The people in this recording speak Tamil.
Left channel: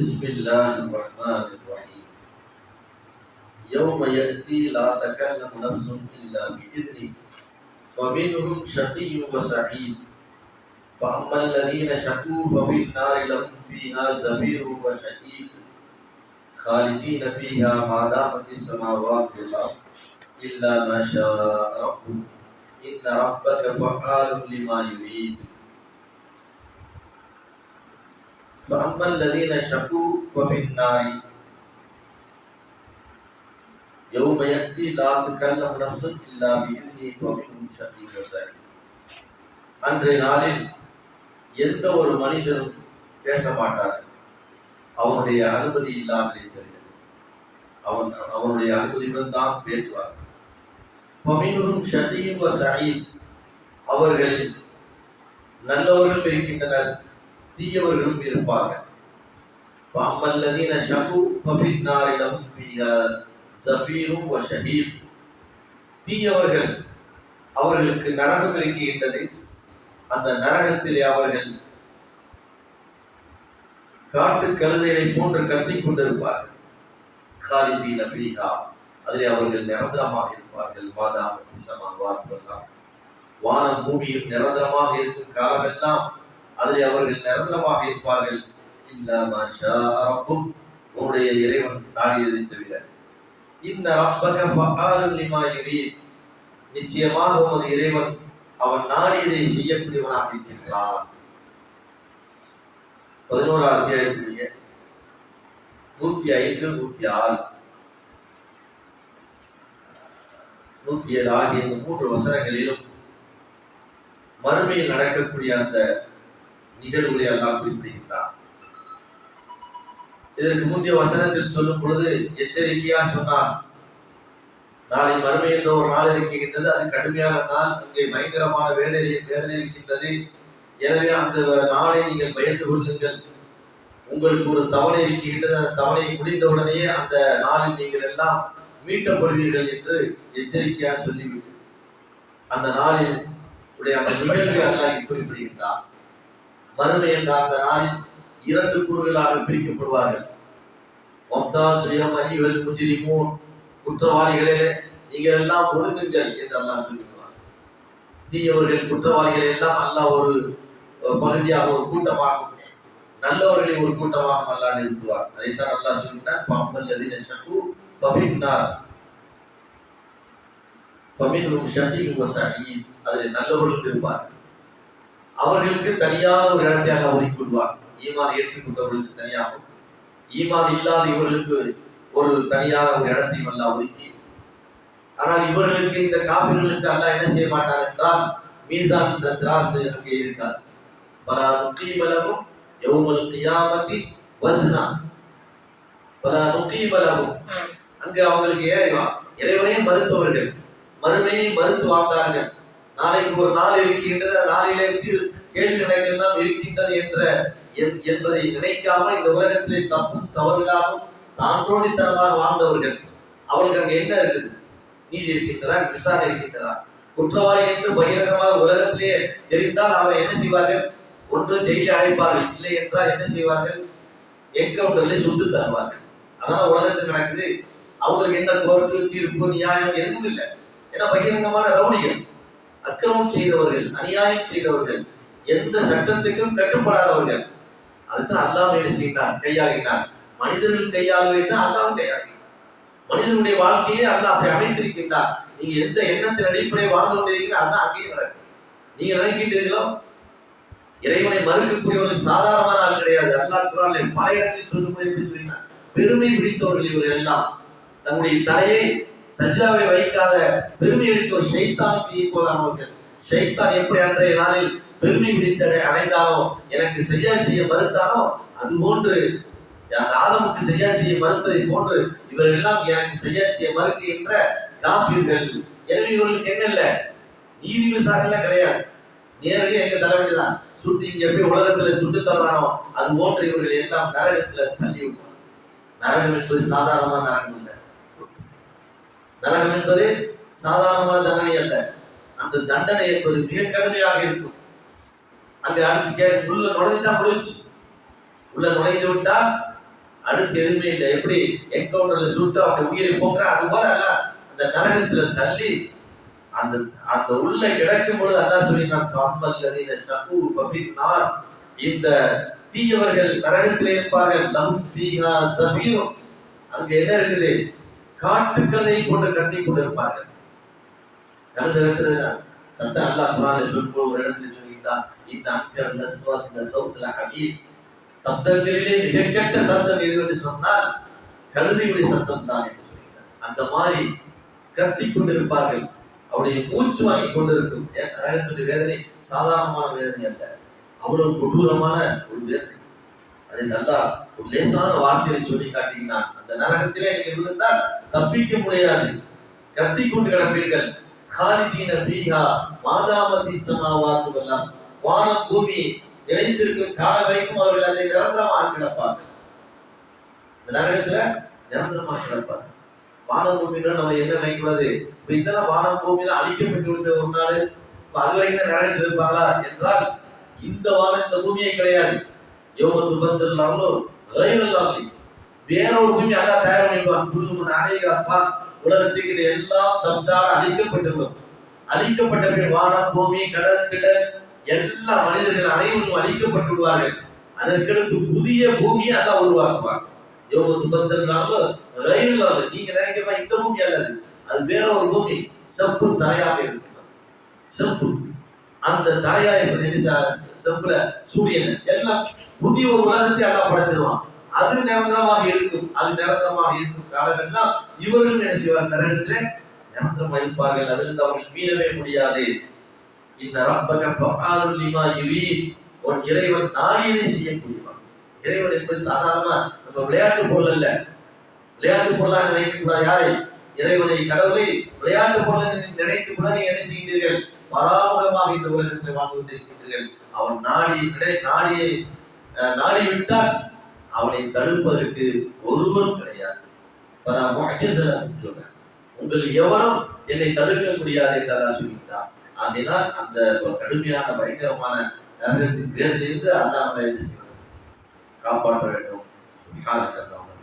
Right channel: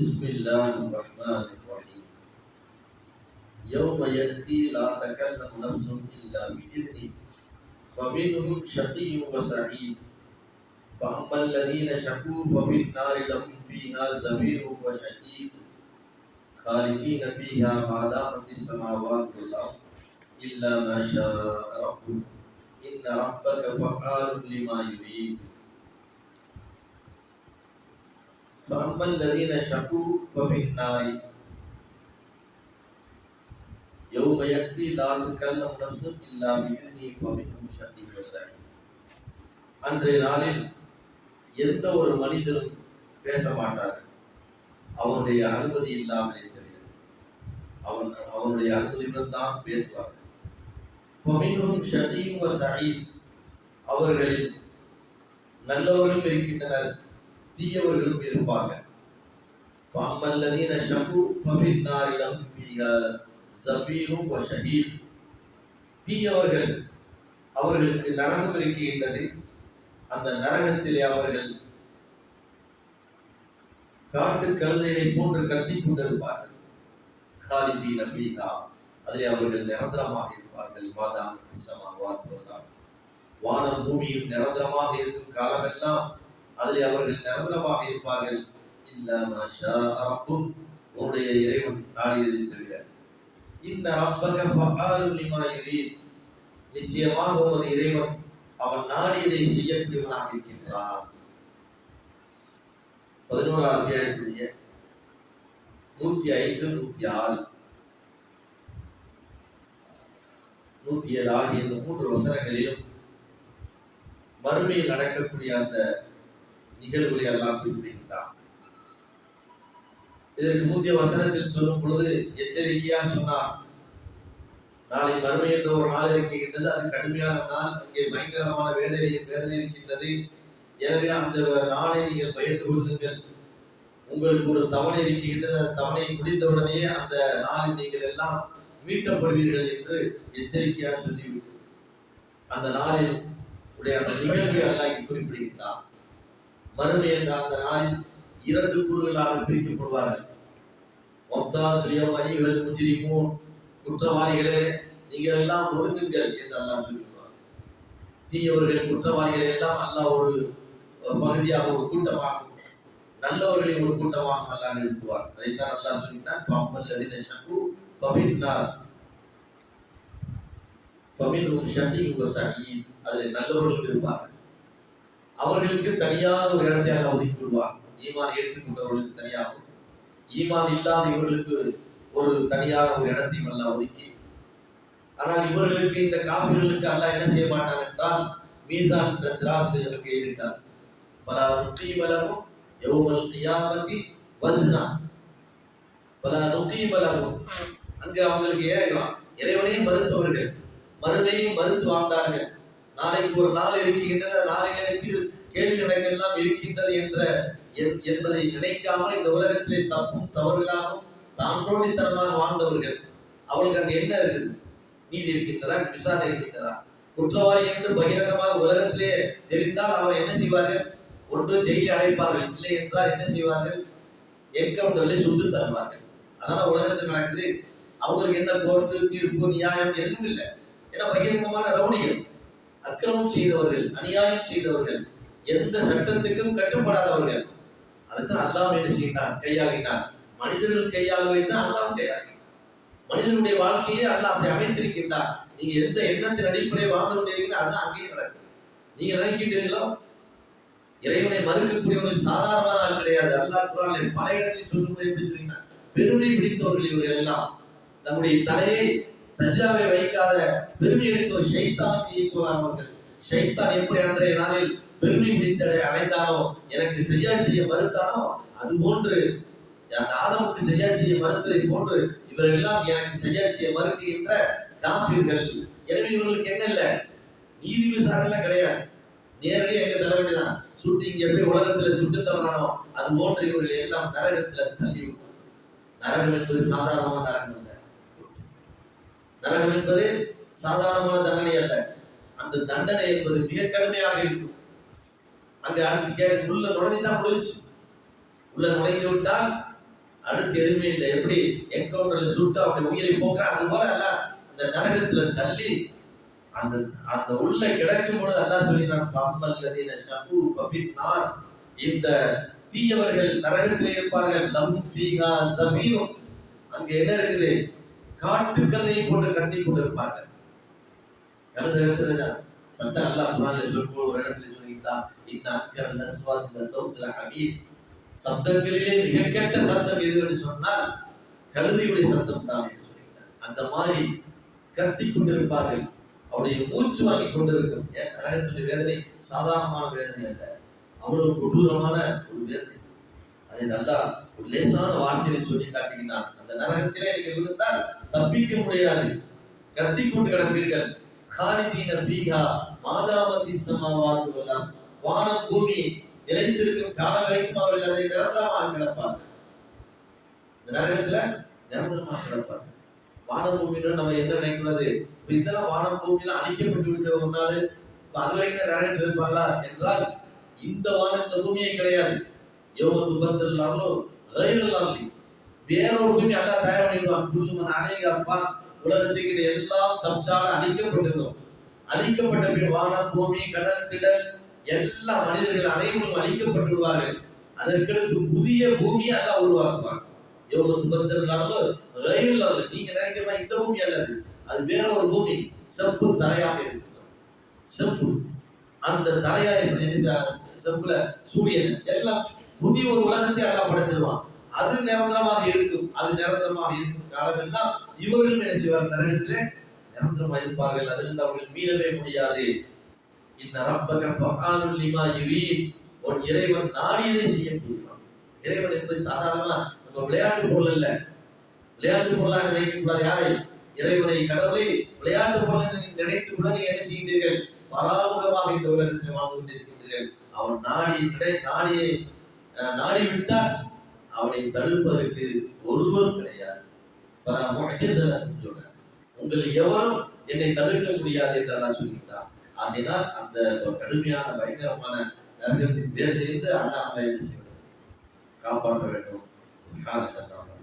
بسم الله الرحمن الرحيم. يوم يأتي لا تكلم نفس إلا بإذنه فمنهم شقي وسعيد. فأما الذين شقوا ففي النار لهم فيها زفير وشهيد خالدين فيها ما دامت السماوات والأرض إلا ما شاء ربك. إن ربك فعال لما يريد. فأما الذين شقوا ففي النار يوم يأتي لا تكلم نفس إلا بإذنه فمنهم شقي وسعيد அன்றைய நாளில் எந்த ஒரு மனிதனும் பேச மாட்டார் அவனுடைய அனுமதி இல்லாமலே தெரிகிறது அவன் அவனுடைய அனுமதியுடன் தான் பேசுவார் பமினும் ஷதீம் சயீஸ் அவர்களில் நல்லவர்களும் இருக்கின்றனர் தீயவர்களும் இருப்பார்கள் فأما ஷகு ففي النار لهم فيها زفير وشهيد தீயவர்கள் அவர்களுக்கு நரகம் இருக்கின்றது அந்த நரகத்திலே அவர்கள் காட்டு கழுதையை போன்று கத்திக் கொண்டிருப்பார்கள் ஹாலிதீன ஃபீஹா அதிலே அவர்கள் நிரந்தரமாக இருப்பார்கள் மாதாம பிசமா வாத்துவெல்லாம் வானம் பூமியும் நிரந்தரமாக இருக்கும் காலமெல்லாம் அதை அவர்கள் நிரந்தரமாக இருப்பார்கள். இல்ல உன்னுடைய இறைவன் நாடியதை தவிர இந்த நிச்சயமாக உமது இறைவன் அவன் நாடியதை செய்யக்கூடியவனாக இருக்கின்றான். பதினோராம் அத்தியாயத்துடைய நூத்தி ஐந்து நூத்தி ஆறு. நூத்தி ஏழு ஆகிய மூன்று வசனங்களிலும் மறுமையில் நடக்கக்கூடிய அந்த நிகழ்வுகளை எல்லாம் குறிப்பிடுகின்றார் இதற்கு முந்தைய வசனத்தில் சொல்லும் பொழுது எச்சரிக்கையா சொன்னார். நாளை மறுமை என்ற ஒரு நாள் இருக்கின்றது. அது கடுமையான நாள். இங்கே பயங்கரமான வேதனை வேதனை இருக்கின்றது. எனவே அந்த நாளை நீங்கள் பயந்து கொள்ளுங்கள். உங்களுக்கு ஒரு தவணை இருக்கின்றது. அந்த தவணை முடிந்தவுடனேயே அந்த நாளில் நீங்கள் எல்லாம் மீட்டப்படுவீர்கள் என்று எச்சரிக்கையாக சொல்லிவிட்டு அந்த நாளில் உடைய அந்த நிகழ்வை அல்லாஹ் குறிப்பிடுகின்றார். மறுமை என்ற அந்த நாளில் இரண்டு குழுக்களாக பிரிக்கப்படுவார்கள். மம்தா சுயம் ஐயுகள் முச்சிரிக்கும் குற்றவாளிகளே நீங்கள் எல்லாம் ஒதுங்குங்கள் என்று அல்லாஹ் சொல்லிவிடுவார் தீயவர்கள் குற்றவாளிகள் எல்லாம் அல்லாஹ் ஒரு பகுதியாக ஒரு கூட்டமாக நல்லவர்களை ஒரு கூட்டமாக அல்லாஹ் நிறுத்துவார் அதைத்தான் அல்லாஹ் சொல்லிட்டார் பாம்பல் அதின ஷகு பபின்னார் பமின் ஷகீம் வ சயீத் அதில் நல்லவர்களும் இருப்பார்கள். அவர்களுக்கு தனியாக ஒரு இடத்தை அல்லாஹ் ஒதுக்கி கொள்வார் ஈமான் ஏற்றுக்கொண்டவர்களுக்கு தனியாகவும் ஈமான் இல்லாத இவர்களுக்கு ஒரு தனியாக ஒரு இடத்தையும் அல்லாஹ் ஒதுக்கி. ஆனால் இவர்களுக்கு இந்த காபிர்களுக்கு அல்லாஹ் என்ன செய்ய மாட்டார் என்றால் மீசான் என்ற திராசு அங்கே இருக்கார் பல நுக்கீமலவும் யௌமல் கியாமதி வஸ்னா. பல நுக்கீமலவும் அங்கு அவங்களுக்கு ஏறிவா இறைவனையும் மறுத்தவர்கள். மறுமையை மறுத்து வாழ்ந்தார்கள். நாளைக்கு ஒரு நாள் இருக்கின்றது நாளிலே கேள்வி கணக்கெல்லாம் இருக்கின்றது என்ற என்பதை நினைக்காமல் இந்த உலகத்திலே தப்பும் தவறுகளாகவும் தாண்டோடித்தனமாக வாழ்ந்தவர்கள் அவர்களுக்கு அங்கே என்ன இருக்குது? நீதி இருக்கின்றதா? விசாரணை இருக்கின்றதா? குற்றவாளி என்று பகிரங்கமாக உலகத்திலேயே தெரிந்தால் அவரை என்ன செய்வார்கள்? ஒன்று ஜெயிலில் அழைப்பார்கள். இல்லை என்றால் என்ன செய்வார்கள்? என்கவுண்டரில் சுட்டு தருவார்கள் அதனால் உலகத்தில் நடக்குது. அவங்களுக்கு என்ன கோர்ட்டு தீர்ப்பு நியாயம் எதுவும் இல்லை. ஏன்னா பகிரங்கமான ரவுடிகள். அக்கிரமம் செய்தவர்கள் அநியாயம் செய்தவர்கள் எந்த சட்டத்துக்கும் கட்டுப்படாதவர்கள். அதுதான் அல்லாஹ் என்ன செய்கிறான் கையாகினார் மனிதர்கள் கையாளுவை தான் அல்லாஹ் கையாகினார் மனிதனுடைய வாழ்க்கையே அல்லாஹ் அப்படி அமைத்திருக்கின்றார் நீங்க எந்த எண்ணத்தின் அடிப்படையை வாழ்ந்து கொண்டிருக்கீங்களோ அதான் அங்கேயும் நடக்கும். நீங்க நினைக்கின்றீர்களோ? இறைவனை மறுக்கக்கூடியவர்கள் சாதாரணமான ஆள் கிடையாது. அல்லாஹ் குரான் பல இடங்களில் சொல்லும்போது எப்படி சொல்லினா பெருமை பிடித்தவர்கள் இவர்கள் எல்லாம் தன்னுடைய தலையை சஜிதாவை வைக்காத பெருமை அளித்த ஒரு ஷைத்தானுக்கு ஈக்குவலானவர்கள் ஷைத்தான் எப்படி அன்றைய நாளில் பெருமை பிடித்தடை அடைந்தாலோ எனக்கு சரியா செய்ய மறுத்தாலோ அது போன்று அந்த ஆதமுக்கு சரியா செய்ய மறுத்ததை போன்று இவர்கள் எல்லாம் எனக்கு சரியா செய்ய மறுக்கின்ற காப்பீர்கள் எனவே இவர்களுக்கு என்ன இல்லை? நீதி விசாரணை கிடையாது. நேரடியாக எங்க தர வேண்டியதான் சுட்டு இங்க எப்படி உலகத்துல சுட்டு தரலானோ அது போன்று இவர்கள் எல்லாம் நரகத்துல தள்ளி விடுவாங்க நரகம் என்பது சாதாரணமான நரகம் இல்லை நரகம் என்பது சாதாரணமான தண்டனை அல்ல. அந்த தண்டனை என்பது மிக கடுமையாக இருக்கும். அங்கே அடுத்து கே உள்ள நுழைஞ்சுதான் முடிஞ்சு உள்ள நுழைந்து விட்டால் அடுத்து எதுவுமே இல்லை. எப்படி? என்கவுண்டர்ல சுட்டு அப்படி உயிரை போக்குறான் அது போல அல்ல. அந்த நரகத்துல தள்ளி அந்த அந்த உள்ள கிடைக்கும் பொழுது அல்லா சொல்லினான் ஃபம்மல் லதீன ஷகு ஃபபின் நார் இந்த தீயவர்கள் நரகத்தில் இருப்பார்கள். லஹும் ஃபீஹா சபீரும் அங்க என்ன இருக்குது? காட்டுக்கதை கொண்டு கத்தி கொண்டு இருப்பார்கள் கழுத இடத்துல சத்தம் அல்லாஹ் சொல்லும்போது ஒரு இடத்துல சொல்லியிருந்தான் இந்த அக்கர் நஸ்வாத் இந்த சவுத்துல ஹபீப். சப்தங்களிலே மிக கெட்ட சத்தம் எது என்று சொன்னால் கழுதையுடைய சத்தம் தான் என்று சொல்லியிருந்தார். அந்த மாதிரி கத்தி கொண்டிருப்பார்கள். அவருடைய மூச்சு வாங்கி கொண்டிருக்கும். ஏன்? நரகத்துடைய வேதனை சாதாரணமான வேதனை அல்ல. அவ்வளவு கொடூரமான ஒரு வேதனை. அதை நல்லா ஒரு லேசான வார்த்தையை சொல்லி காட்டினான் அந்த நரகத்திலே நீங்கள் விழுந்தால் தப்பிக்க முடியாது கத்தி கொண்டு கிடப்பீர்கள். ஹாலிதீன பீஹா மாதாமதி சமாவாத்து எல்லாம் வானம் பூமி இணைந்திருக்கும் காலம் வரைக்கும் அவர்கள் அதை நிரந்தரமாக கிடப்பார்கள். இந்த நரகத்துல நிரந்தரமாக கிடப்பார்கள். வானம் பூமியில நம்ம என்ன நினைக்கூடாது இப்ப இதெல்லாம் வானம் பூமியில அழிக்கப்பட்டு விழுந்த ஒரு நாள். இப்ப அது வரைக்கும் தான் நரகத்தில் இருப்பாங்களா? என்றால் இந்த வானம் இந்த பூமியே கிடையாது. யோக துபத்தில் இல்லாமலோ இல்லாமலே வேற ஒரு பூமி அல்லா தயார் பண்ணிருப்பான் புல்லுமன் அலைகப்பா உலகத்துக்கு எல்லாம் சம்சார அழிக்கப்பட்டிருக்கும் அழிக்கப்பட்ட பின் வானம் பூமி கடல் திடல் எல்லா மனிதர்கள் அனைவரும் அழிக்கப்பட்டு விடுவார்கள். அதற்கடுத்து புதிய பூமியை அல்லாஹ் உருவாக்குவார் யோக துபத்தில் ரயில் இல்லாமல் நீங்க நினைக்கிறமா இந்த பூமி அல்லது? அது வேற ஒரு பூமி. செப்பு தரையாக இருக்கலாம் செப்பு அந்த தரையாக செப்புல சூரியன். எல்லாம் புதிய ஒரு உலகத்தை அல்லாஹ் படைச்சிருவான் அது நிரந்தரமாக இருக்கும் அது நிரந்தரமாக இருக்கும். காலமெல்லாம் இவர்களும் என்ன செய்வார் நரகத்திலே நிரந்தரமாக இருப்பார்கள் அதிலிருந்து அவர்கள் மீளவே முடியாது. இந்த ரப்பக ஃபஆலுல் உன் இறைவன் நாடியதை செய்யக்கூடியவன் இறைவன் என்பது சாதாரணமா நம்ம விளையாட்டு பொருள் அல்ல. விளையாட்டு பொருளாக நினைக்கக்கூடாது யாரை? இறைவனை. கடவுளை. விளையாட்டு பொருள் நினைத்து கூட நீங்க என்ன செய்கின்றீர்கள்? பராமுகமாக இந்த உலகத்தில் வாழ்ந்து கொண்டிருக்கின்றீர்கள். அவன் நாடி நாடியை அஹ், நாடி விட்டால் அவனை தடுப்பதற்கு ஒருவரும் கிடையாது. உங்கள் எவரும் என்னை தடுக்க முடியாது என்று அல்லாஹ் சொல்லிட்டார் ஆகையினால் அந்த கடுமையான பயங்கரமான நரகத்தின் பேரிலிருந்து அல்லாஹ் நம்மை என்ன காப்பாற்ற வேண்டும்.